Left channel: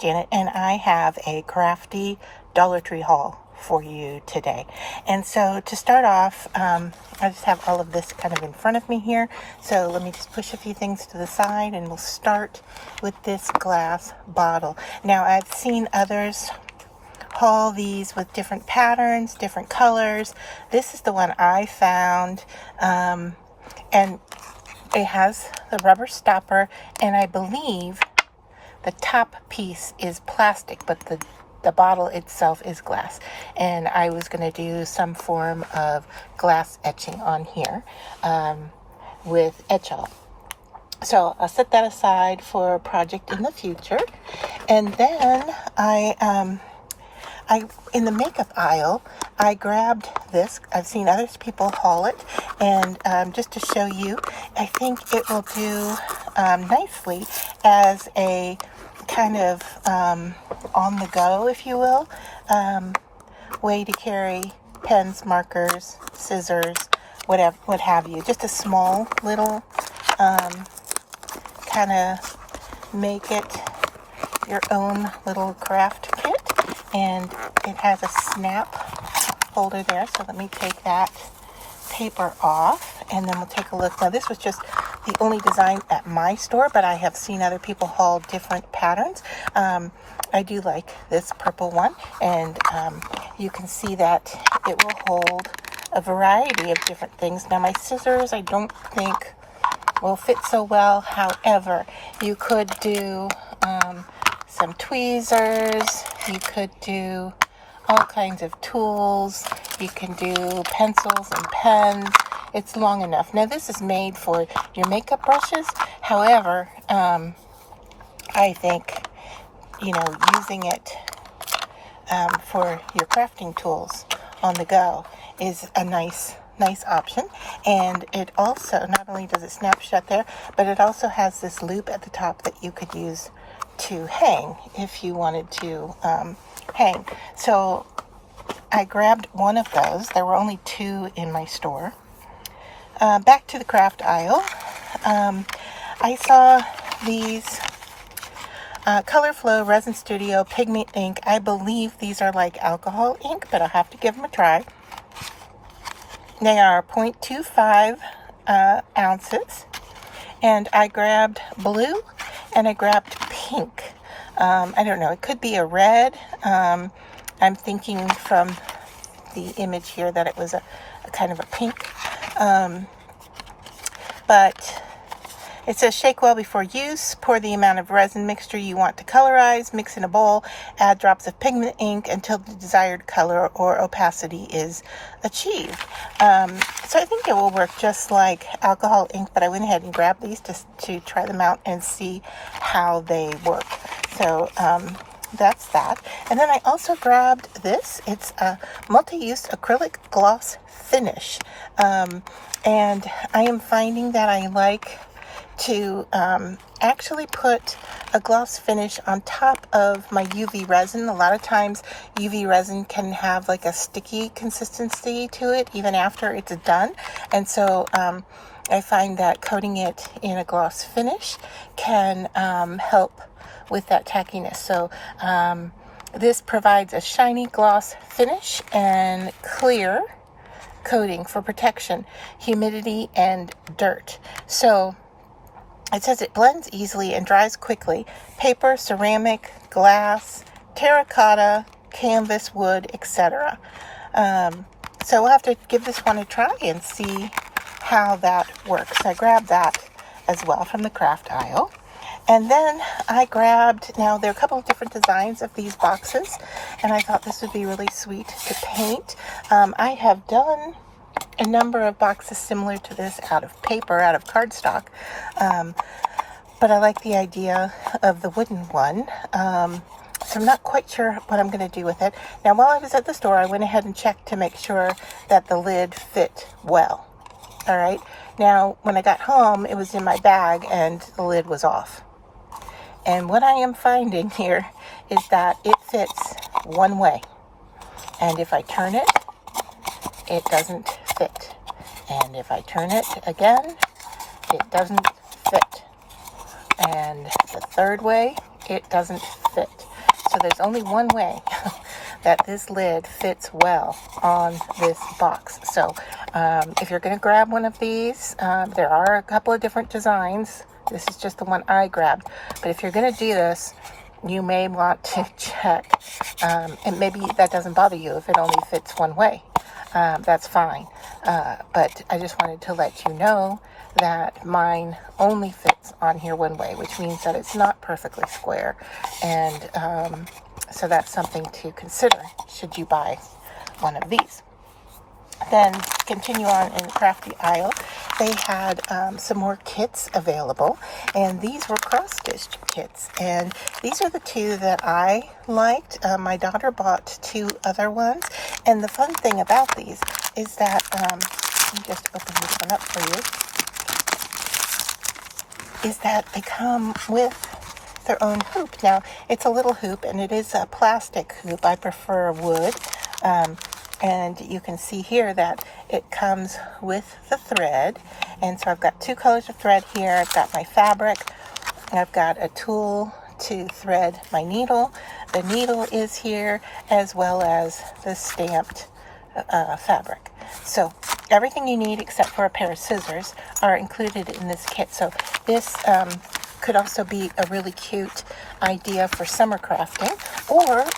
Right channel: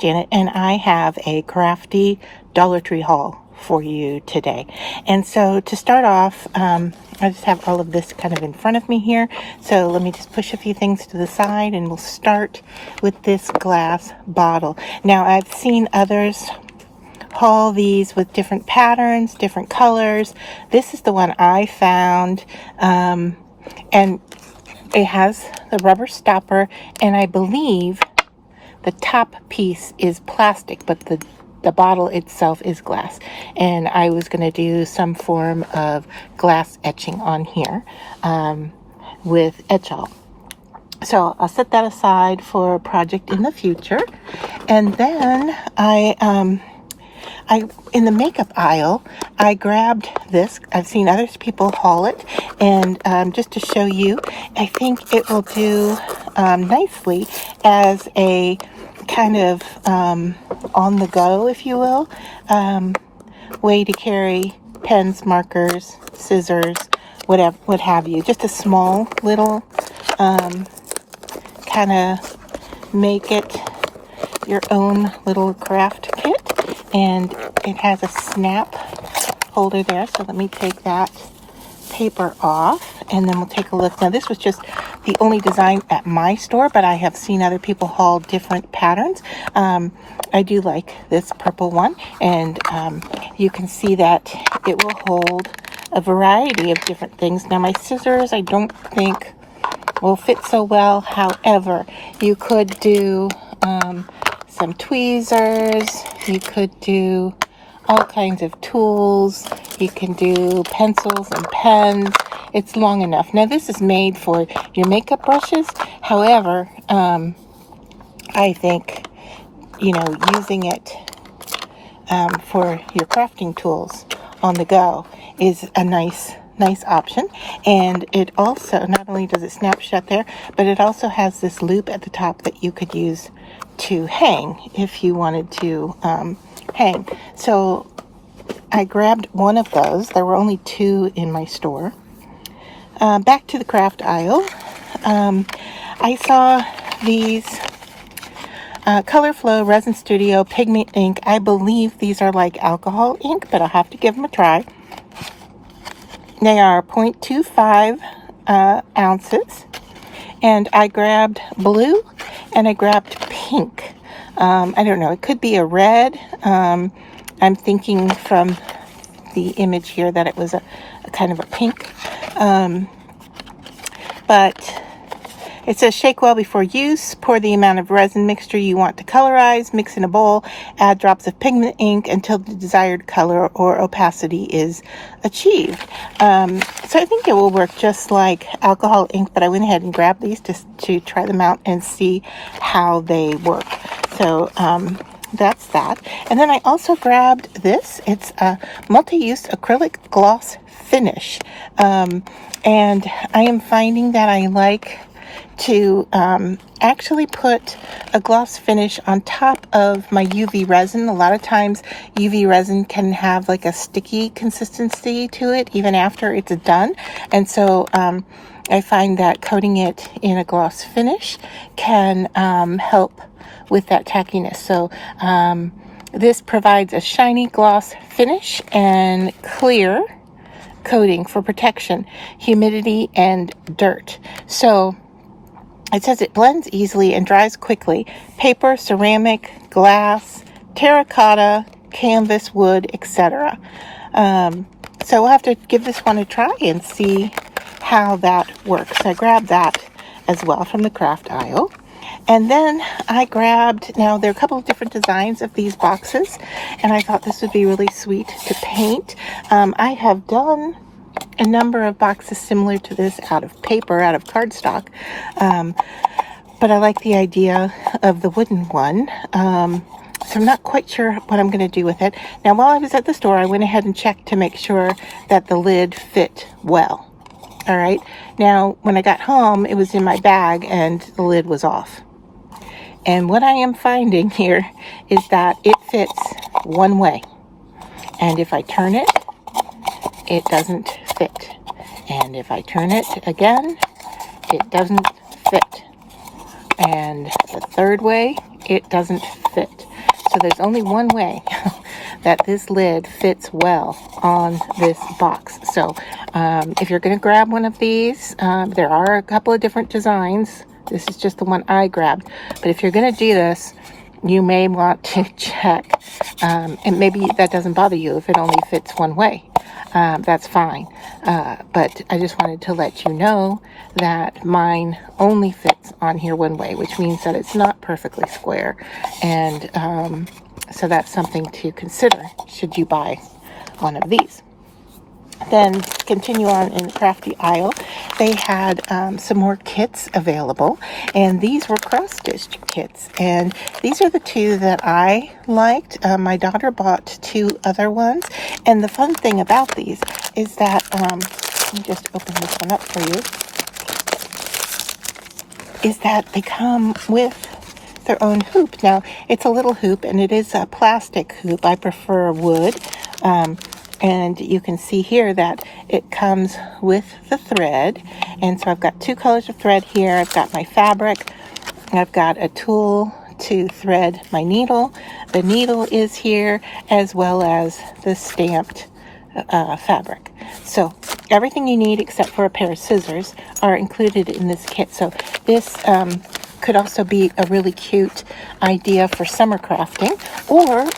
Janet, and I have a crafty Dollar Tree haul for you today. And so to start off, I just have all of this kind of in front of me here. So let me just push a few things to the side and we'll start with this glass bottle. Now I've seen others haul these with different patterns, different colors. This is the one I found, and it has the rubber stopper, and I believe the top piece is plastic, but the bottle itself is glass. And I was going to do some form of glass etching on here with etchall. So I'll set that aside for a project in the future. And then I in the makeup aisle, I grabbed this. I've seen other people haul it, and just to show you, I think it will do nicely as a kind of on the go, if you will, way to carry pens, markers, scissors, whatever, what have you. Just a small little kind of make it your own little craft kit. And it has a snap holder there, so let me take that paper off and then we'll take a look. Now this was just the only design at my store, but I have seen other people haul different patterns. I do like this purple one, and you can see that it will hold a variety of different things. Now my scissors I don't think will fit so well. However, you could do some tweezers, you could do all kinds of tools, you can do pencils and pens. It's long enough. Now this is made for your makeup brushes. However, I think, you know, using it for your crafting tools on the go is a nice option. And it also, not only does it snap shut there, but it also has this loop at the top that you could use to hang if you wanted to hang. So I grabbed one of those. There were only two in my store. Back to the craft aisle. I saw these Color Flow Resin Studio Pigment Ink. I believe these are like alcohol ink, but I'll have to give them a try. They are 0.25 ounces. And I grabbed blue and I grabbed pink. I don't know, it could be a red. I'm thinking from the image here that it was a kind of a pink. But it says shake well before use, pour the amount of resin mixture you want to colorize, mix in a bowl, add drops of pigment ink until the desired color or opacity is achieved. So I think it will work just like alcohol ink, but I went ahead and grabbed these just to try them out and see how they work. So that's that. And then I also grabbed this. It's a multi-use acrylic gloss finish. And I am finding that I like to actually put a gloss finish on top of my UV resin. A lot of times UV resin can have like a sticky consistency to it even after it's done. And so I find that coating it in a gloss finish can help with that tackiness. So this provides a shiny gloss finish and clear coating for protection, humidity, and dirt. So it says it blends easily and dries quickly. Paper, ceramic, glass, terracotta, canvas, wood, etc. So we'll have to give this one a try and see how that works. I grabbed that as well from the craft aisle. And then I grabbed, now there are a couple of different designs of these boxes, and I thought this would be really sweet to paint. I have done a number of boxes similar to this out of paper, out of cardstock, but I like the idea of the wooden one. So I'm not quite sure what I'm going to do with it. Now, while I was at the store, I went ahead and checked to make sure that the lid fit well. All right. Now, when I got home, it was in my bag and the lid was off. And what I am finding here is that it fits one way. And if I turn it, it doesn't fit. And if I turn it again, it doesn't fit. And the third way, it doesn't fit. So there's only one way that this lid fits well on this box. So if you're going to grab one of these, there are a couple of different designs. This is just the one I grabbed. But if you're going to do this, you may want to check, and maybe that doesn't bother you if it only fits one way. That's fine. But I just wanted to let you know that mine only fits on here one way, which means that it's not perfectly square. And so that's something to consider should you buy one of these. Then continue on in the crafty aisle. They had some more kits available, and these were cross-stitch kits, and these are the two that I liked. My daughter bought two other ones, and the fun thing about these is that let me just open this one up for you, is that they come with their own hoop. Now it's a little hoop, and it is a plastic hoop. I prefer wood. And you can see here that it comes with the thread. And so I've got two colors of thread here. I've got my fabric. I've got a tool to thread my needle. The needle is here, as well as the stamped fabric. So everything you need except for a pair of scissors are included in this kit. So this could also be a really cute idea for summer crafting, or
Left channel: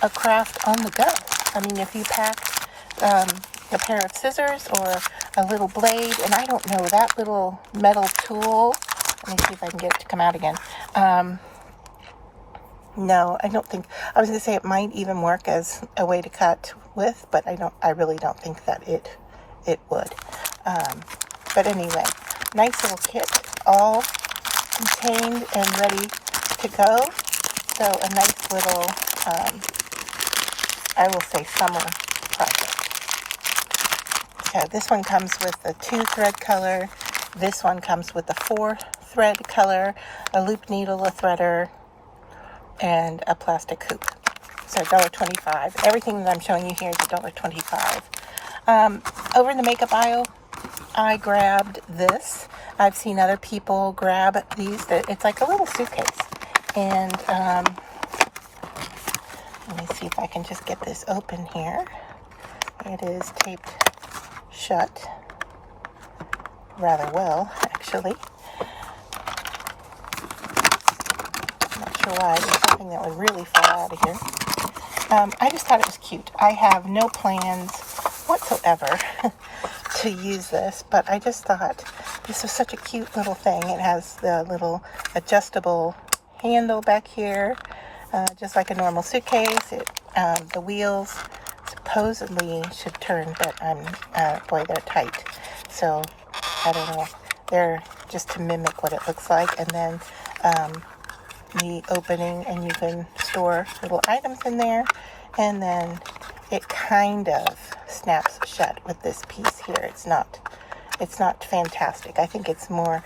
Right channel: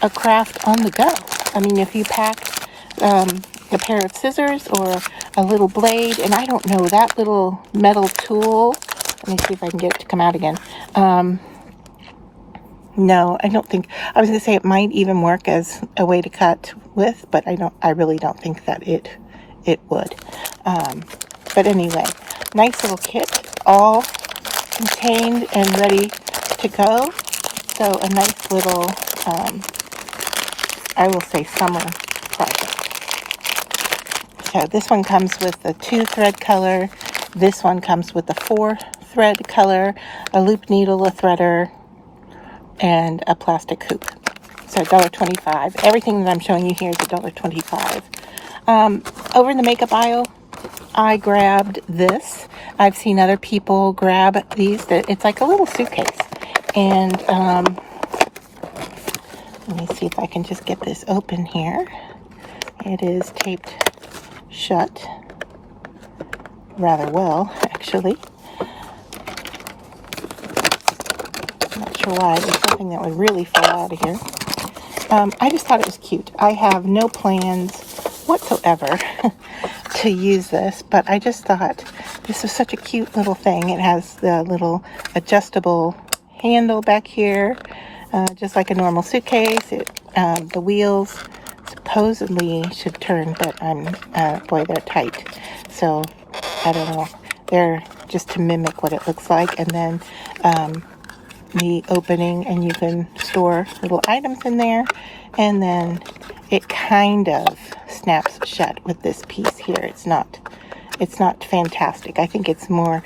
a craft on the go. I mean, if you pack a pair of scissors or a little blade, and I don't know, that little metal tool, let me see if I can get it to come out again. No, I don't think, I was going to say it might even work as a way to cut with, but I really don't think that it would. But anyway, nice little kit, all contained and ready to go. So a nice little, I will say, summer project. So this one comes with the 2-thread color. This one comes with the 4-thread color, a loop needle, a threader, and a plastic hoop. So $1.25. Everything that I'm showing you here is $1.25. Over in the makeup aisle, I grabbed this. I've seen other people grab these. It's like a little suitcase. And let me see if I can just get this open here. It is taped shut rather well, actually. Not sure why. There's something that would really fall out of here. I just thought it was cute. I have no plans whatsoever to use this, but I just thought this was such a cute little thing. It has the little adjustable handle back here, just like a normal suitcase. The wheels supposedly should turn, but boy, they're tight. So I don't know. They're just to mimic what it looks like, and then the opening, and you can store little items in there, and then it kind of snaps shut with this piece here. It's not fantastic. I think it's more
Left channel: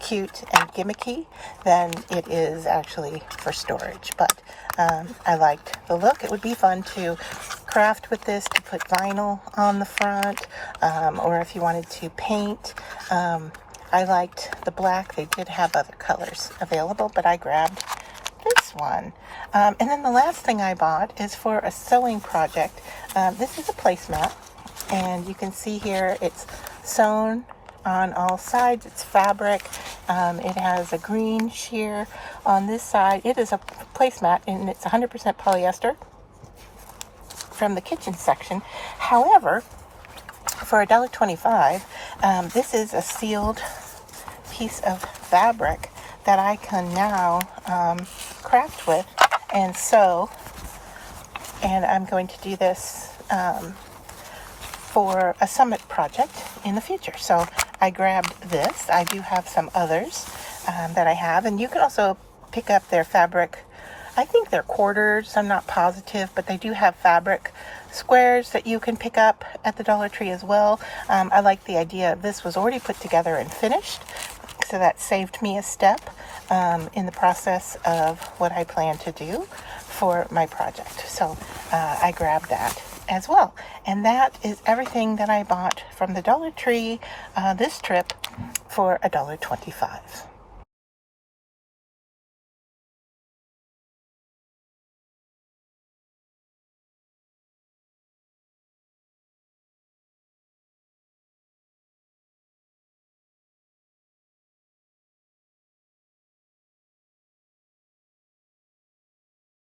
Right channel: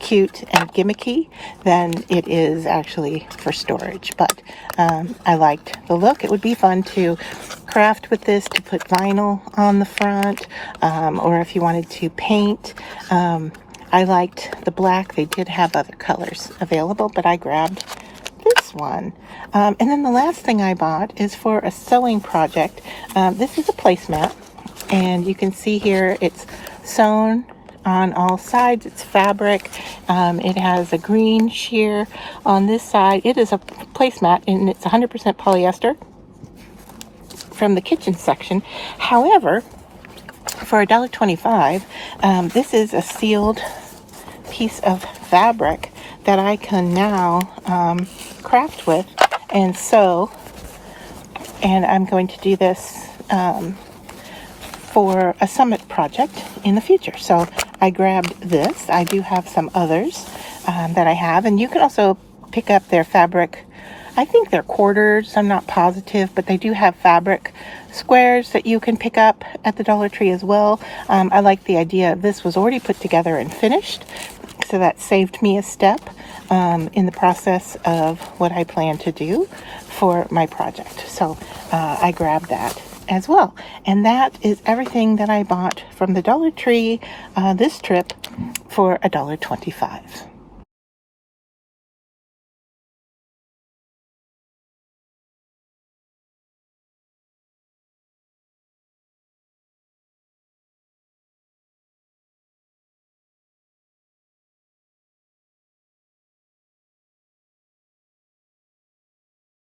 cute and gimmicky than it is actually for storage, but I liked the look. It would be fun to craft with this, to put vinyl on the front, or if you wanted to paint. I liked the black. They did have other colors available, but I grabbed this one. And then the last thing I bought is for a sewing project. This is a placemat, and you can see here it's sewn on all sides. It's fabric. It has a green sheer on this side. It is a placemat, and it's 100% polyester from the kitchen section. However, for $1.25, this is a sealed piece of fabric that I can now craft with and sew, and I'm going to do this for a summit project in the future. So I grabbed this. I do have some others that I have, and you can also pick up their fabric. I think they're quarters, I'm not positive, but they do have fabric squares that you can pick up at the Dollar Tree as well. I like the idea of this was already put together and finished, so that saved me a step in the process of what I plan to do for my project. So I grabbed that as well. And that is everything that I bought from the Dollar Tree this trip for $1.25.